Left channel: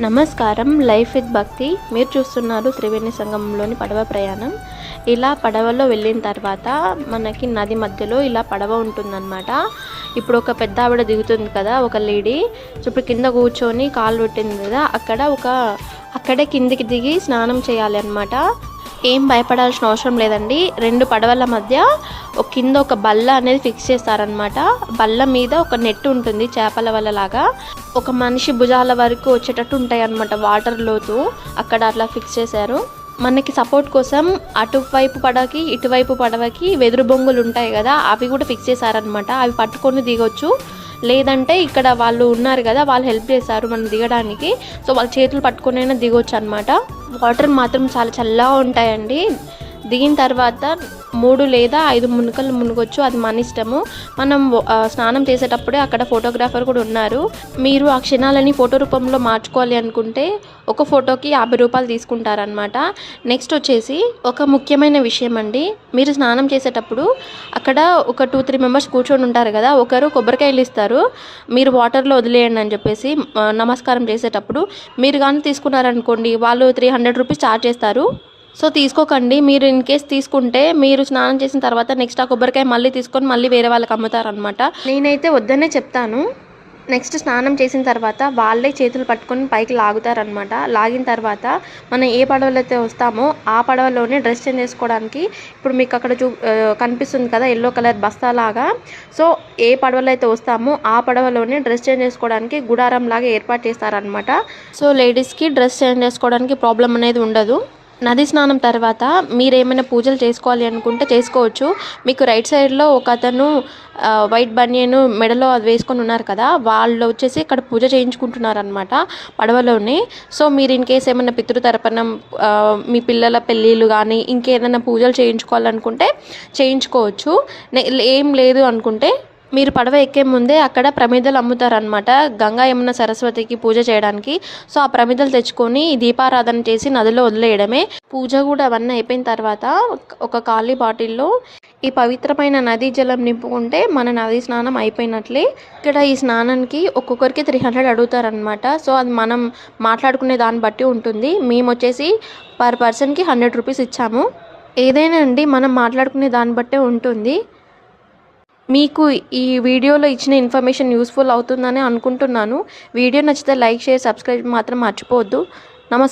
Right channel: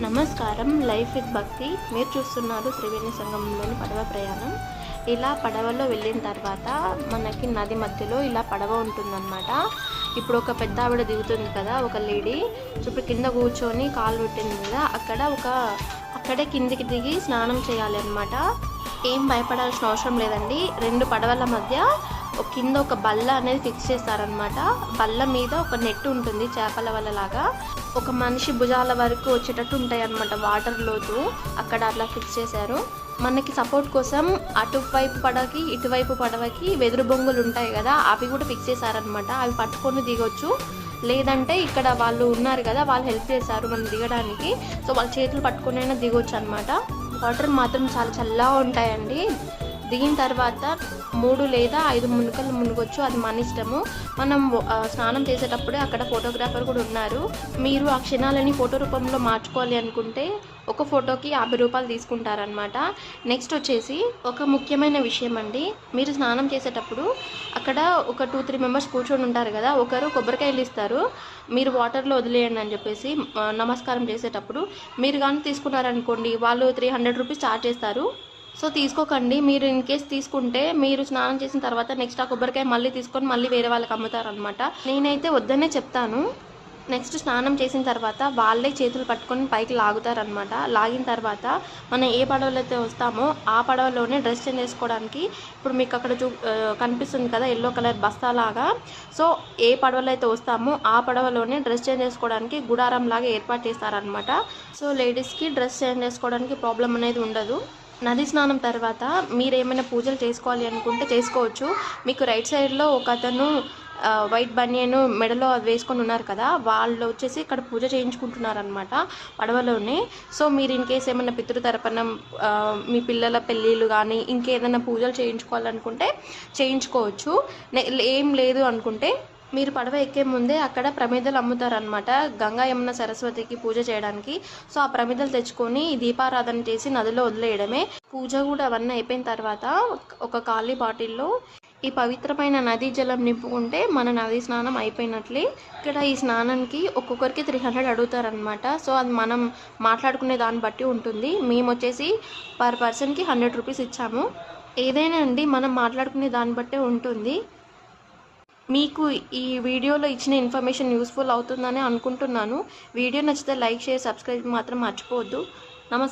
నమస్కారం. Life with భక్తి. మీరు చూస్తున్నారు త్రివేణి సంగమంలోని పడవ ప్రయాణం. ఇలా పడవలో వెళ్ళిన తర్వాత మనకి నది మధ్యలో ఇలా పడవ ఉంటుందన్నమాట. ఇప్పుడు ఒక పెద్ద ఆవిడ దిగుతుంది కదా, ఒక లేడీ. ఇప్పుడు కింద కూర్చొని కాలు పెట్టింది కదా, అక్కడే కిందికి దిగి స్నానం చేయాలి అన్నమాట. ఏం భయపడాల్సిన అవసరం లేదండి. రెండు పడవల మధ్య కింద ఒక బల్ల అనేది ఫిక్స్ చేస్తారనమాట. బల్ల మీద ఒక నెట్ ఉంటుంది, చేపల వల్ల లాగా. ఒక మనిషి భుజాల వరకు వచ్చేటట్టు ఉంటాయి అన్నమాట వాటర్ లోతు. అక్కడ అట్లా ఫిక్స్ చేశారు. మనకి సపోర్ట్ కోసం అటువైపు పడవకి ఇటువైపు పడవకి వెదురు బొంగులు ఉంటాయి కదా, అవి కూడా ఫిక్స్ చేశారనమాట. అవి పట్టుకొని దిగొచ్చు. లేదంటే ఇక్కడ వాళ్ళు ఉన్నారు కదా, వాళ్ళు హెల్ప్ చేస్తారు మనం దిగడానికి. సో వాళ్ళ చేతులు పట్టుకునైనా దిగొచ్చు అనమాట. వాటర్ మాత్రం చాలా చల్లగా ఉంటాయండి. దిగిన తర్వాత 3 లేదా 5 మునుకలు మునగొచ్చు, అది మన ఇష్టము. మనం స్నానం చేసేటప్పుడే అక్కడ ఫోటోగ్రాఫర్ కూడా ఉన్నారు. మీరు ఆ క్షణాలని ఫోటో రూపంలో మార్చుకోవాలి అనుకుంటే ఒక ఫోటోకి 50 రూపాయలు తీసుకుంటారనమాట. నెక్స్ట్ వచ్చేసి ఒక ముఖ్యమైన విషయం అండి. మీరు స్నానం చేసేటప్పుడు అక్కడ ఒక 2-3 మెంబర్స్ కూర్చొని ఉంటారు కదా, ఒకరు కొబ్బరికాయలు ఇస్తారు, మీరు వాటర్లో వదిలేయండి అని చెప్పేసి నమస్కారం చేసేటప్పుడు. మీరు కానీ తీసుకున్నారనుకోండి, వాళ్ళు 300 రూపీస్ ఛార్జ్ చేస్తారు. సో తీసుకోకండి. మీరు ఇన్ కేస్ తీసుకుంటే మీరు స్నానం చేసిన తర్వాత నెక్స్ట్ ఆ కొబ్బరికాయ మళ్ళీ తీసుకొని మళ్ళీ వేరే వాళ్ళకి అమ్ముతారనమాట. నేనైతే వద్దనే చెప్తాను. నెక్స్ట్ స్నానం చేసిన తర్వాత వాళ్ళే చేతులు పట్టుకొని పైకి లాగుతారనమాట. లాగిన తర్వాత మనం ఏ పడవలో అయితే వస్తామో ఆ పడవలోనే డ్రెస్ చేంజ్ చేసుకోవడానికి, ఇప్పుడు మీకు అక్కడ కనిపిస్తుంది కదా ఎల్లో కలర్ బస్తాలాగా. సో ఏ పడవలో అయితే వస్తామో ఆ పడవలోనే డ్రెస్ చేంజ్ చేసుకోవడానికి గుడారం లాగా ఏర్పాటు చేస్తారనమాట. సో లేడీస్కి డ్రెస్ చేంజ్ చేసుకోవడానికి ప్రాబ్లం అనేది ఉండదు. నది స్నానం తర్వాత మీరు ఏమైనా పూజలు చేసుకోవాలి అనుకుంటే చేసుకోవచ్చు. మీకు రైట్ సైడ్లో ఒక అతను వైట్ బనియన్ మెడలో అది వేసుకొని ఉన్నారు కదా, వాళ్ళు వచ్చేసి ఇక్కడ పూజ చేయించుకుంటున్నారనమాట పడవలోనే. సో మీరు ఇన్ కేసు ఏమైనా పితృతర్పణం, మీ పిల్లల పెళ్ళిళ్ళు కానీ ఇంకేదైనా పూజలు చేయించుకోవాలనుకుంటే చేయించుకోవచ్చు. ఏం లేదు అనుకుంటే మీరు పడవ ఎక్కే ముందే అక్కడ ప్రమిదలు అమ్ముతారనమాట, గంగా యమున సరస్వతికి పూజ చేయడానికి. సో ఆ ప్రమిదలు తెచ్చుకొని దీపారాధన చేసి నదిలో వదిలేయడమే. పూజ కూడా అవన్నీ అయిపోయిన తర్వాత ఒక ఖాళీ బాటిల్లో ఈ పవిత్రమైన నదీ జలం నింపుకుంటే మన నదీ స్నానం అయిపోయినట్లే. ఇక్కడ ఈ స్నానానికి ఒక్కొక్కరికి 300 అడుగుతారనమాట. సో అది మనం మాట్లాడుకునే దాన్ని బట్టి ఉంటుంది. మేము వచ్చేసి పర్ పర్సన్కి 100 రూపీస్ ఇచ్చాము. ఏదైనా అండి మనం మాట్లాడుకునే దాన్ని బట్టే ఉంటుంది. మీకు ఈ వీడియోలో ఇచ్చిన ఇన్ఫర్మేషన్ యూస్ఫుల్ అవుతుందని అనుకుంటున్నాను. వీడియో నచ్చితే లైక్, షేర్, సబ్స్క్రైబ్ మాత్రం మర్చిపోవద్దు. నమస్కారం.